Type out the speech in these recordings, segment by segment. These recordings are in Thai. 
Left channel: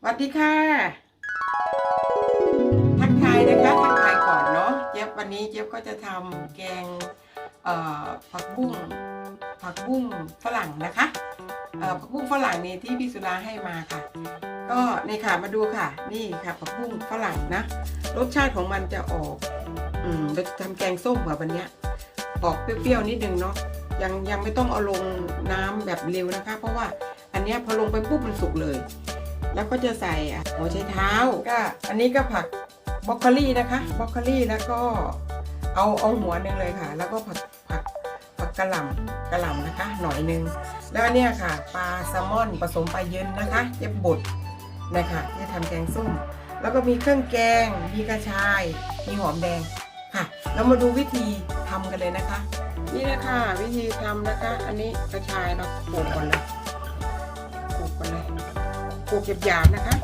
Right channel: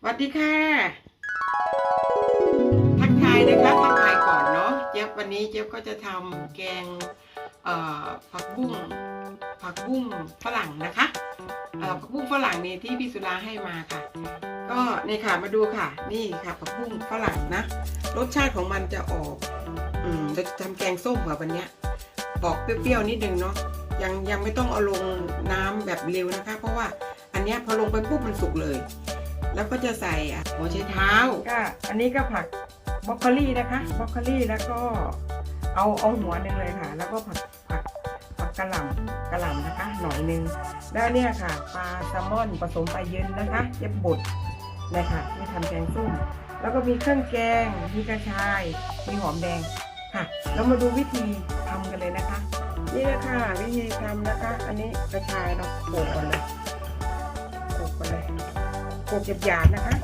สวัสดีค่ะ ทักทายนะคะ ทักทายก่อนเนาะ เจี๊ยบวันนี้เจี๊ยบก็จะทำแกงผักบุ้ง ผักบุ้งฝรั่งนะคะผักบุ้งฝรั่งนี่ที่พี่สุดาให้มาค่ะ ก็นี่ค่ะมาดูค่ะ นี่ค่ะผักบุ้งฝรั่งนะ รสชาติของมันจะออก อืมเราจะทำแกงส้มค่ะวันเนี้ยออกเปรี้ยวๆนิดนึงเนาะ ยังยังไม่ต้องเอาลงน้ำแบบเร็วนะคะ เพราะว่าอันเนี้ยพอลงไปปุ๊บมันสุกเลย แล้วก็จะใส่อะหัวไชเท้าก็อันนี้ก็ผักบรอกโคลี่นะคะบรอกโคลี่แล้วก็เอาเอาหัวหนึ่งเลยค่ะ แล้วก็ผักผักผักกระหล่ำกระหล่ำนะคะ หน่อยหนึงแล้วเนี่ยค่ะปลาแซลมอนผสมปลาเย็นนะคะเย็บบดนะคะที่ทำแกงส้มแล้วก็มีเครื่องแกง มีกระชาย มีหอมแดงค่ะแล้วมาดูวิธีทำกันเลยนะคะ นี่แหละค่ะวิธีทำนะคะ อันนี้กระชายเราโขลกก่อนเลย โขลกหยาบๆนะคะ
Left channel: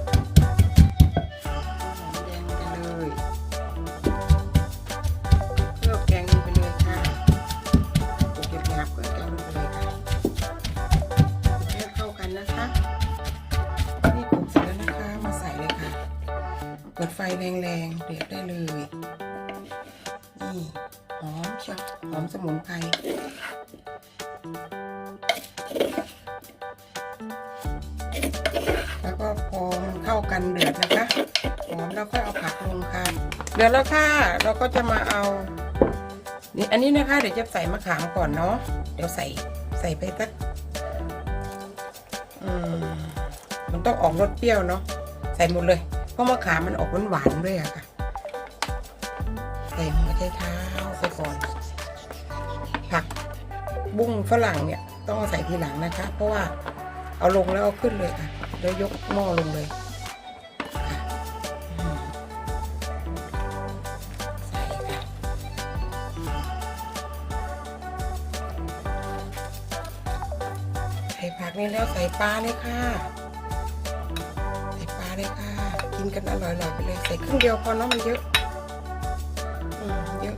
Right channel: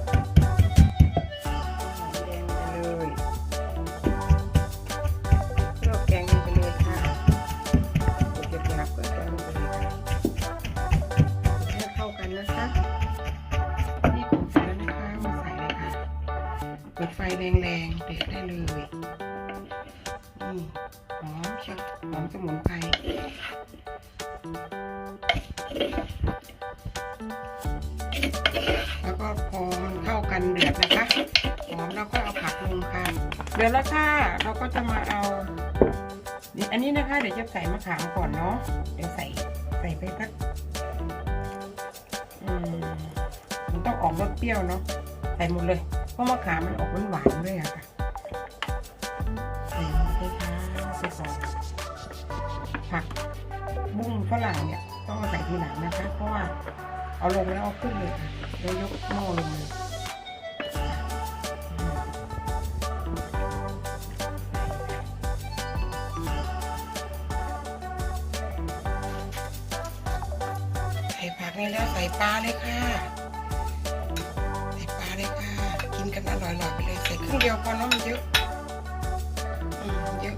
หอมแดงไปเลยเครื่อแกงลงไปเลยค่ะโขกหยาบๆเครื่องแกงลงไปเลยค่ะให้เข้ากันนะคะ นี่โขกเสร็จแล้วนะคะมาใส่เลยค่ะ เปิดไฟแรงๆเดือดได้เลย นี่หอมเชียวหอมสมุนไพร กันเดือดนะคะหอมแล้วก็เอาผักลงค่ะเดือดแล้วค่ะเราก็จะมาเอานี่อันนี้นะคะเดี๋ยวจะใส่มะขามก่อนเนาะเดี๋ยวใส่ใส่ไปสักมมันต้องออกรสเปรี้ยวเนาะใส่หมดเลยเพราะมะขามมันออกหวานๆด้วยอะค่ะใส่หัวไชเท้าไปก่อนผักบุ้งฝรั่งเนี่ยต้องใส่ทีหลังนะคะ เพราะว่าเอาลงแล้วเอาขึ้นเลยค่ะแล้วยกหม้อลงเลย ส่ผักนี่แล้วใส่ปลาเลยค่ะ ใส่ปลาเลยค่ะ กินกันอร่อยๆไปเลยใส่ครึ่งเดียวพอเนาะมันเยอะอืมเยอะ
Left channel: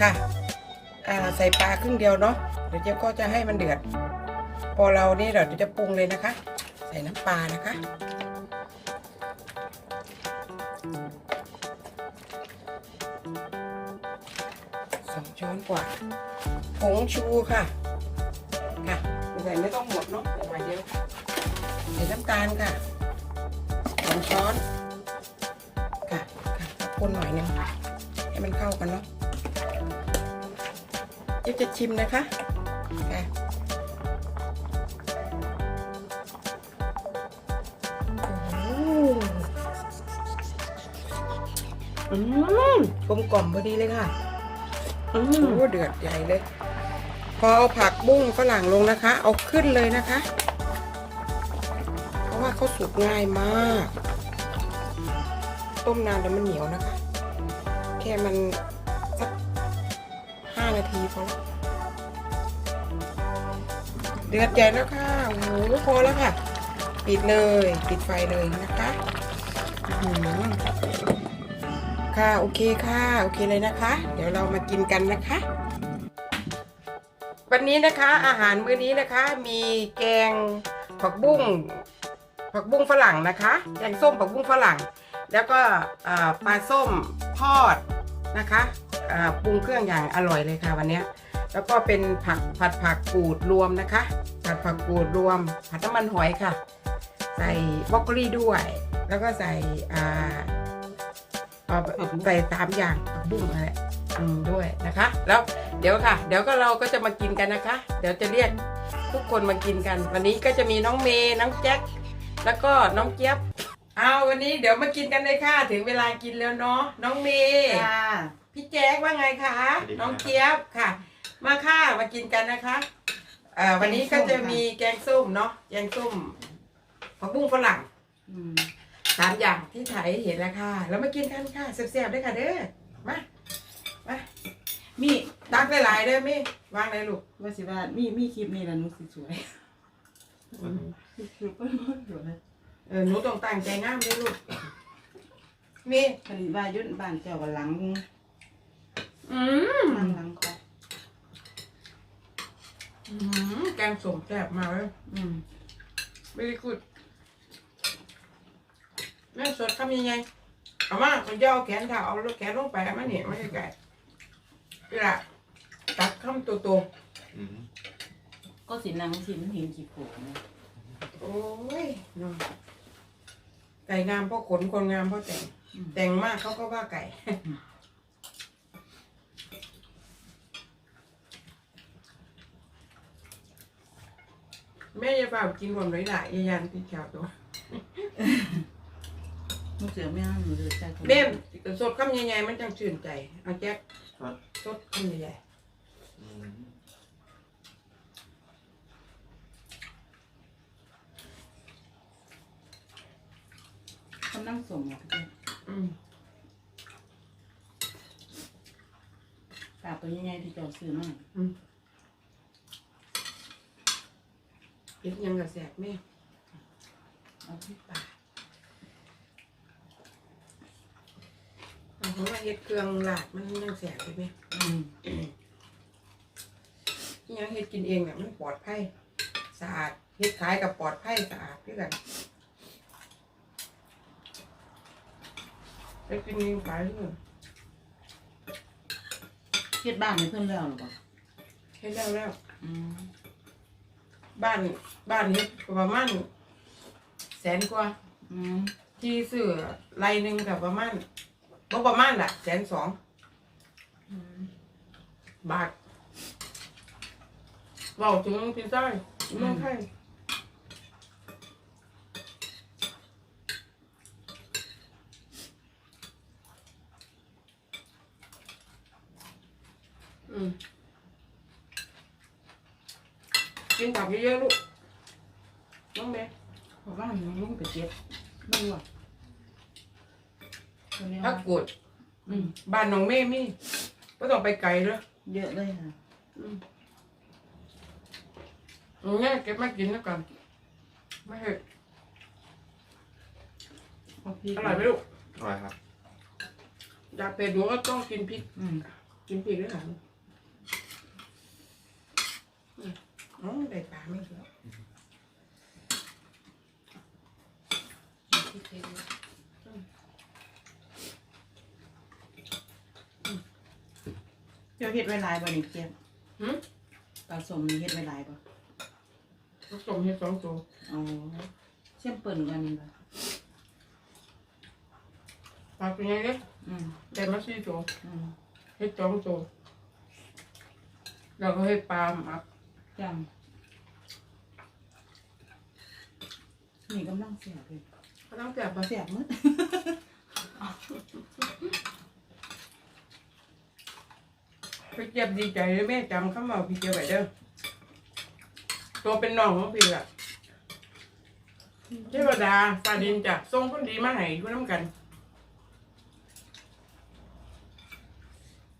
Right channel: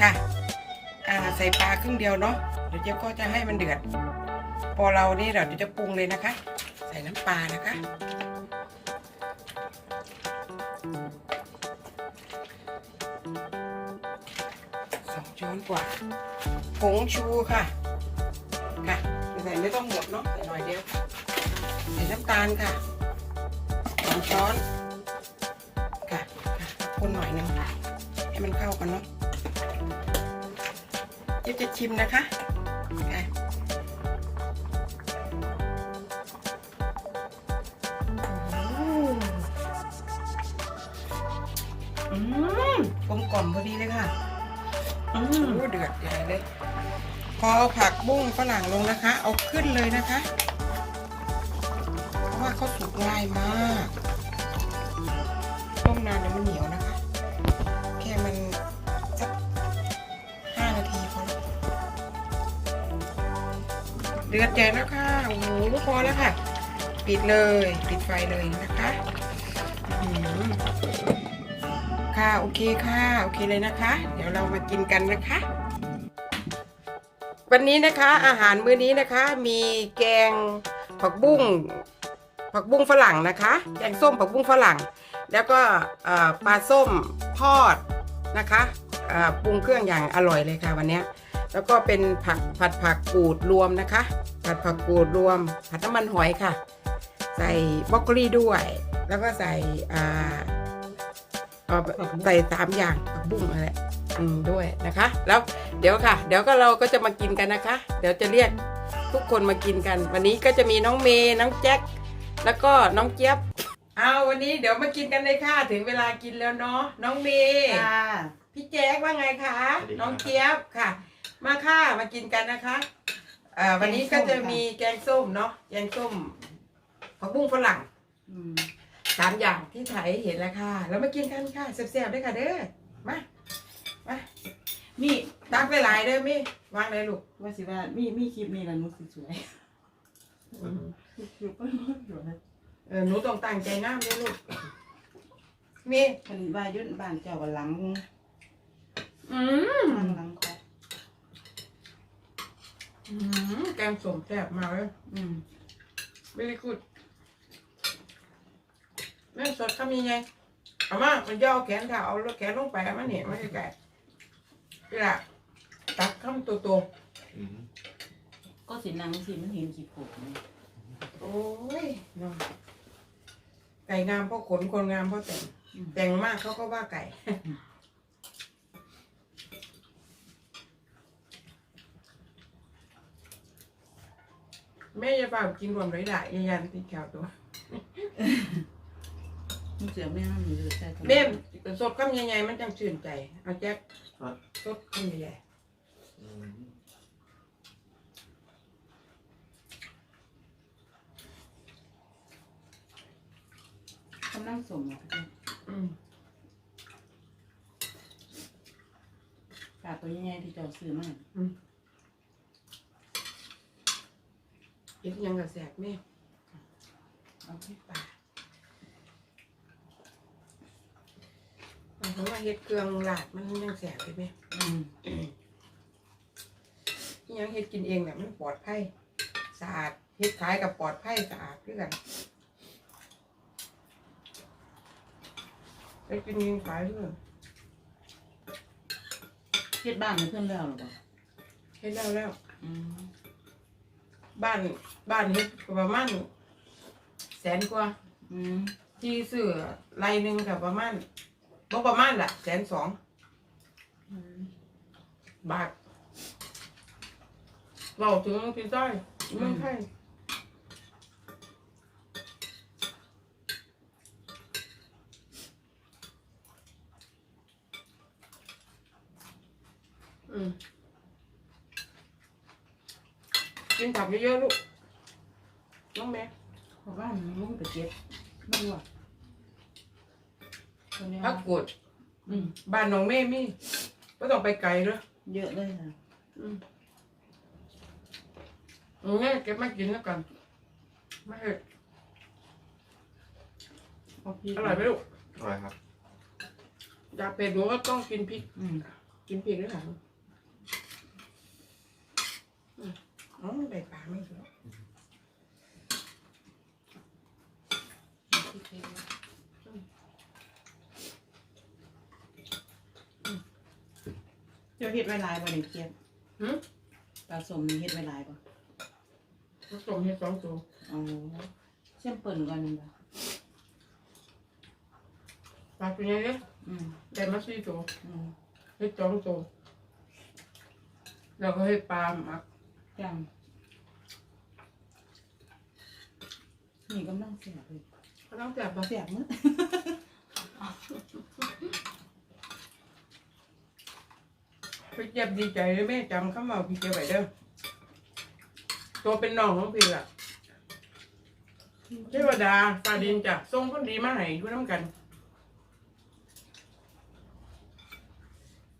ค่ะ อ่าใส่ปลาครึ่งเดียวเนาะ เดี๋ยวเจ๊ก็จะให้มันเดือด พอเรานี่เดี๋ยวจะปรุงเลยนะคะ ใส่น้ำปลานะคะสองช้อนกว่าผงชูค่ะ ค่ะ ส่ไม่ต้องหมดเนาะใส่หน่อยเดียวใส่น้ำตาลค่ะสองช้อนค่ะค่ะคนหน่อยหนึงให้มันเข้ากันเนาะเดี๋ยวจะชิมนะคะค่ะโอ้โหอืมกลมกล่อมพอดีเลยค่ะ อืมโอ้เดือดใหญ่เลย พอเอาผักบุ้งฝรั่งลงนะคะ เอาขึ้นเลยนะคะ เพราะว่าเขาสุกง่ายมาก ต้มนานเดี๋ยวมันเหนียวนะคะ แค่มันสักห้านาทีพอแล้วเดือดใหญ่แล้วค่ะโอ้โหพอแล้วค่ะ ปิดเลยปิดไฟเลยนะคะหือค่ะ โอเคค่ะ โอเคเลยนะคะ เดี๋ยวเรามากินกันนะคะ วันนี้นะคะอาหารมื้อนี้นะคะมีแกงผักบุ้งผักบุ้งฝรั่งนะคะแกงส้มผักบุ้งฝรั่ง แล้วก็เอ่อปลาส้มทอดนะคะอ่าปรุงเครื่องอย่างอร่อยเลยค่ะวันเนี้ยแล้วก็เป็นผักผัดผักกูดรวมนะคะ ผัดผักกูดรวม ผัดน้ำมันหอยค่ะ ใส่บรอกโคลีด้วย แล้วก็ใส่อ่าเอาใส่สามอย่างผักบุ้งอะไรอืม ด้วยนะคะ แล้วเดี๋ยวค่ะ เดี๋ยวก็เราก็จะมากินกันนะคะ เดี๋ยวจะเรียกทุกคนมากินกัน วันนี้ก็จะมีน้องเมย์น้องแจ็คแล้วก็น้องเจี๊ยบเอาวันนี้เดี๋ยวมากินกันเลยค่ะ ถึงเวลากินแล้วเนาะน้องเมย์ค่ะพี่แจ๊คว่าไงคะน้องเจี๊ยบค่ะ มาค่ะมากินกันนะคะอ่าวันนี้ก็จะมีแกงส้มเนาะแกงส้มผักบุ้งฝรั่งอืมสามอย่างที่ถ่ายให้เห็นแล้วค่ะ แล้วมากินกันค่ะแซ่บๆด้วยค่ะเด้อมา มามีตักหลายๆเด้อมี่วางเลยลูกว่าสิว่ามีมีคลิปนี้ละหนุสิสวยคือเปิ้ลสวยเออหนูต้องตั้งใจงามเลยลูกมีเพิ่นว่ายุ่นบ้านเจ้าว่าหลังอืมหลังหลังคออืมแกงส้มแซ่บมากเลยอืม very good แม่สดทำยังไงเอามามันจะเอาแขนเท้าเอาแขนลงไปมันเนี่ยไม่ใช่ไก่ นี่ละตักคำตัวโตอืมก็สินางสิมันเห็นขี้โผล่นะๆโอ้ยน้องไก่งามเพราะขนคนงามเพราะแต่งอืมแต่งมากเขาก็ว่าไก่ แม่จะเปล่ากินรวมหลายๆยันติดแถวตัว มันเสือแม่มันเหลือใจของแม่สดคำใหญ่ๆมันจังชื่นใจเอาแจ็คสดคำใหญ่อืมกำลังสมอะพี่ๆอืมตาตัวใหญ่ๆที่เจอซื้อมาเห็ดยังกับแสบแม่เอาที่ปาก เอาเพราะว่าเห็ดเครื่องหลาดมันยังแสบใช่ไหมอืมอิหยังเห็ดกินเองเนี่ยมันปลอดภัยสะอาดเห็ดขายกับปลอดภัยสะอาดด้วยกันไปกินเองขายเรื่องเฮ็ดบ้านให้เพิ่นแล้วหรอเปล่าเห็ดแล้วแล้วอืมบ้านบ้านเห็ดก็ประมาณแสนกว่า อืมที่ซื้อไรหนึ่งกับประมาณ บ่ประมาณแหละแสนสองอืมบาทเราถึงพี่จ้อยเมืองไทยอืมกินผักเยอะๆลูกน้องแม่เพราะว่ามันลงไปเจ็ดไม่รู้อะตัวนี้ พักกดอืม บ้านน้องแม่มีก็ต้องไปไกลเลยเยอะเลยค่ะอืมเอาง่ายเก็บมากินแล้วกันไม่เผ็ดเอาพริกอร่อยไหมลูกอร่อยครับ อยากเผ็ดหนูก็ต้องกินพริก อืมกินพริกด้วยหนังอืมอ๋อได้ปลาไม่เยอะ พริกเยอะ เจ้าเฮ็ดไว้หลายบ่นี่เจี๊ยบหืมปลาสมนี่เฮ็ดไว้หลายบ่ผสมเห็ดสองตัวอ๋อเส้นเปิ่นก่อนนี่บ่ปลาเป็นไงเนี่ยอืมได้มาสี่ตัวอืมเห็ดสองตัวแล้วก็ให้ปลาหมักจังนี่กำลังเสียบเลยก็ต้องแต่บปลาเสียบมื้อ พี่เจ็บดีใจเลยแม่จำคำว่าพี่เจ็บไว้เด้อตัวเป็นน้องของพี่อะเทวดาฟ้าดินจับทรงคนดีมาให้ด้วยน้ำกัน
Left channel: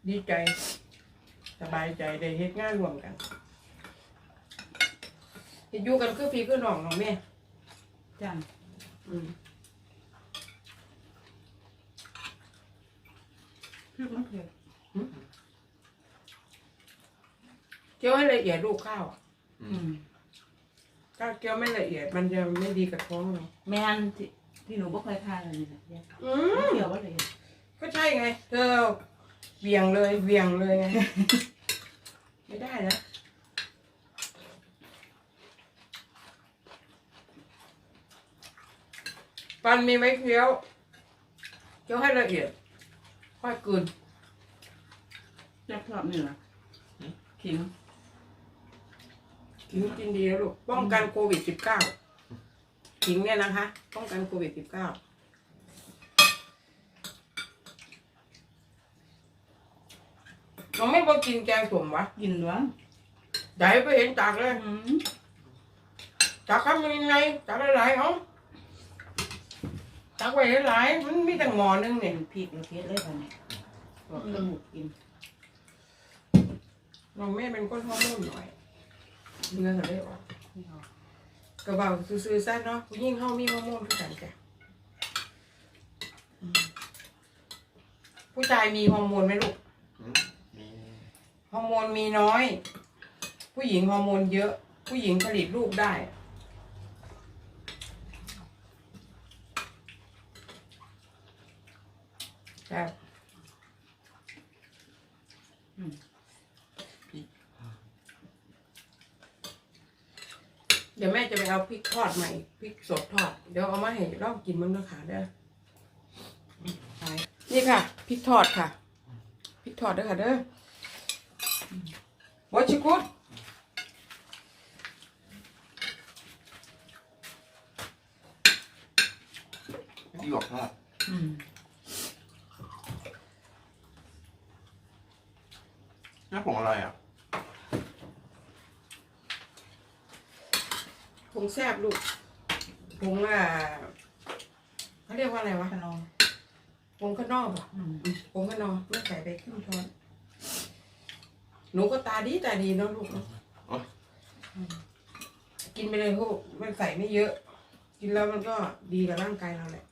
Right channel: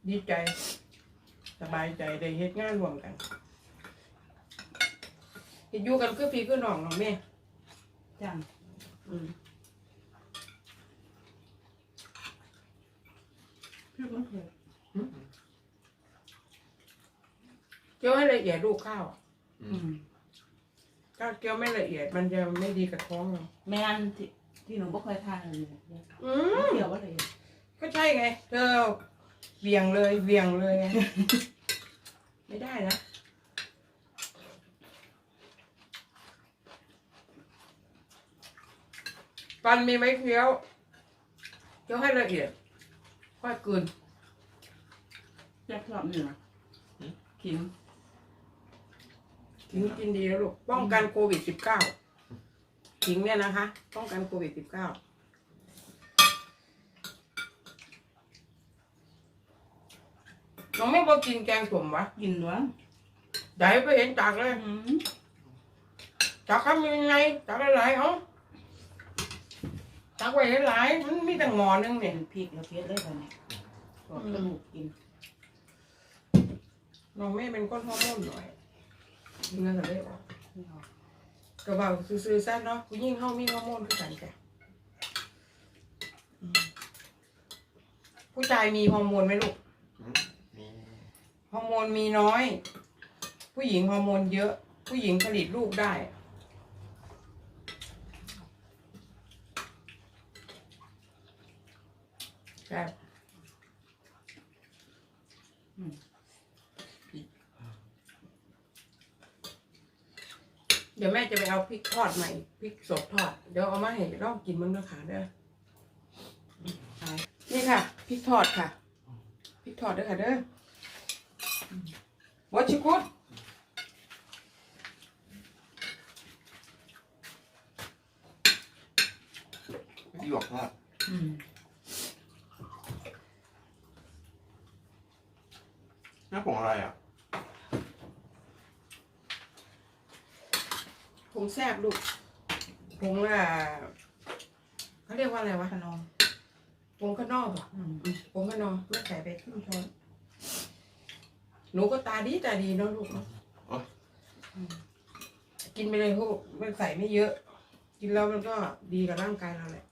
ดีใจ สบายใจได้เฮ็ดงานรวมกันเฮ็ดอยู่กันคือพี่คือน้องน้องแม่จังอืมพริกมันเผ็ด เคี่ยวให้ละเอียดลูกข้าวอะอือืมมถ้าเคี่ยวไม่ละเอียดมันจะไม่ดีกับท้องเราแม่นที่ที่หนูบ่เคยทานเลยเนี่ยอืม เกี่ยวบ่เลยก็ใช่ไง เธอเวียงเลยเวียงเลยไง ไม่ได้นะฟันมีไหมเคี้ยวเคี้ยวให้ละเอียด ค่อยกลืนแซ่บชอบนี่ล่ะขิง ถิงกินดีแล้วลูกป้องกันโควิดสิบเก้าถิงเนี่ยนะคะ ป้องกันโควิดสิบเก้าน้องไม่พอกินแกงส้มวะกินหลวงไหนไปเห็นจากเลยอืมจากทำยังไงจากหลายๆเอาจากไว้หลายๆมันมีแต่หมอหนึงเป็เนี่ยนพริกแล้วเผ็ดเลยบัดนี้บอกกระดูกกินน้องแม่เป็นคนฮอร์โมนหน่อย เงินก็ได้ออกนี่เอากระเป๋าซื้อๆซะเนาะผู้หญิงเฮามีฮอร์โมนคือกันจ้ะอืมผู้ชายมีฮอร์โมนไหมลูกอืมมีฮอร์โมนมีน้อย ผู้หญิงฮอร์โมนเยอะ ผู้หญิงผลิตลูกได้ถใช่ เดี๋ยวแม่จะไปเอาพริกทอดใหม่พริกสดทอด เดี๋ยวเอามาให้ลองกินมึงด้วยค่ะเด้อไปนี่ค่ะพริกทอดค่ะพริกทอดเด้อค่ะเด้อวอชิกุดหยวกทอดอืมหน้าผงอะไรอะ งแซบลูกผงอะเขาเรียกว่าอะไรวะขนมผงข้างนอกอะอืมผงข้างนอกไม่ใส่ไปครึ่งช้อนหนูก็ตาดีตาดีเนาะลูกเนาะโอ๊ยอืมกินไปเลยพวกมันใส่ไม่เยอะ กินแล้วมันก็ดีกับร่างกายเราแหละ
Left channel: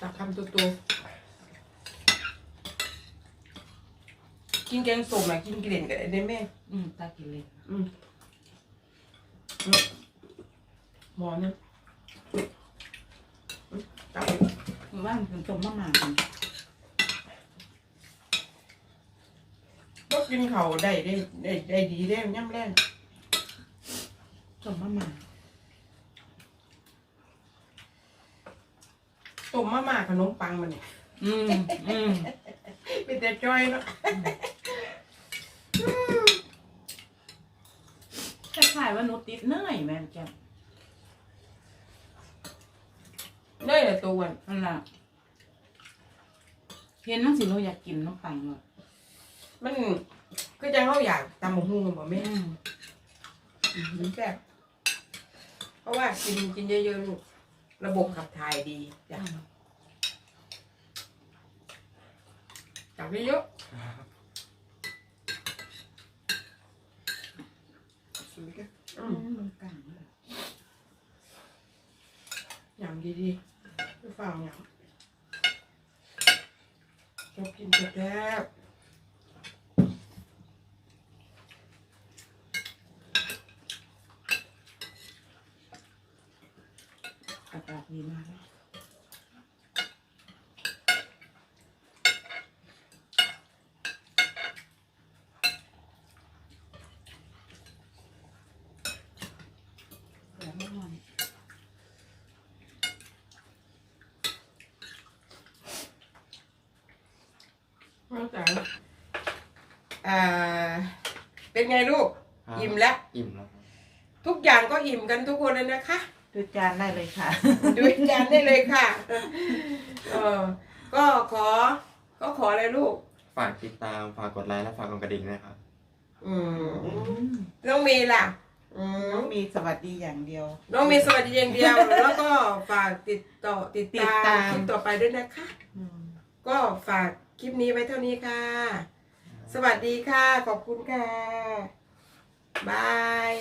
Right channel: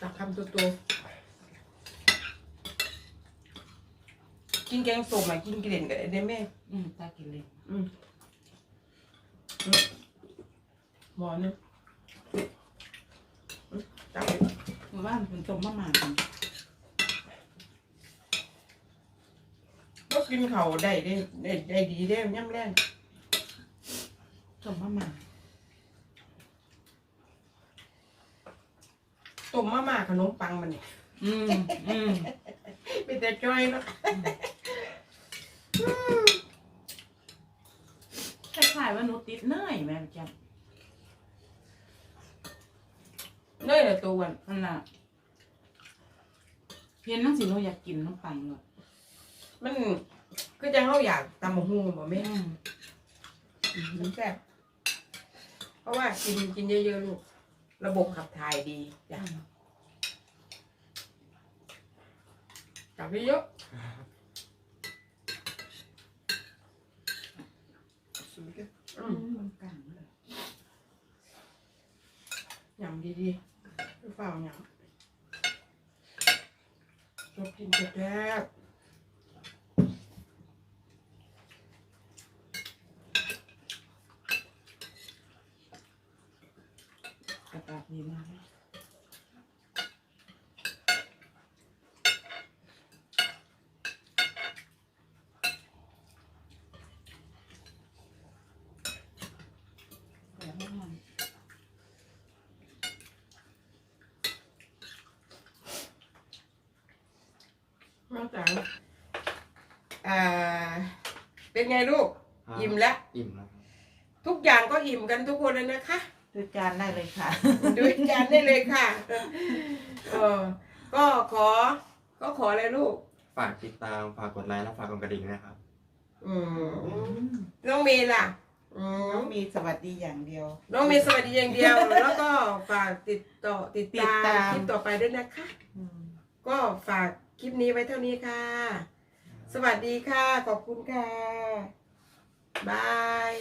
ตักคำโตๆ กินแกงส้มอะกินกลิ่นกันได้ไหมอืมตากินเลยอืมอืมหมอนึงอืมตักผมว่ามันเป็นต้มมะม่ากันก็กินเขาวได้ได้ได้ได้ดีได้ย่ำแรงต้มมะม่าต้มมาม่าขนมปังมันเนี่ยอืมอืมเป็นแต่จ้อยเนาะ คล้ายๆว่าหนูติดเนยแม่จ้ะเนยละตัวอ้วนนั่นล่ะเห็นนังสิหนูอยากกินน้ำปังเลยมันก็จะเขาอยากตำหมกฮูบ่แม่อืมมมันแซ่บเพราะว่ากินกินเยอะๆลูกระบบขับถ่ายดีจ้ะตักเยอะๆ อือืมมมันกลางเลยยำดีๆไม่ฝ่าวยำชอบกินแซ่บอากาศดีมากเลยแต่ไม่นอน ๆน้องจ๋าอ่า เป็นไงลูก อิ่มแล้ว อิ่มแล้วครับทุกอย่างก็อิ่มกันทุกคนเลยนะคะ ดูจานได้เลยค่ะ ดูจานได้เลยค่ะเออก็ขอ ก็ขออะไรลูก ฝากติดตาม ฝากกดไลค์และฝากกดกระดิ่งนะครับ อืมน้องเมย์ล่ะ อืมน้องมีสวัสดีอย่างเดียว น้องเมย์สวัสดีอย่างเดียว แล้วก็ฝากติดต่อติดติดตาตามมคลิปต่อไปด้วยนะคะก็ฝากคลิปนี้ไว้เท่านี้ค่ะ สวัสดีค่ะ ขอบคุณค่ะ บาย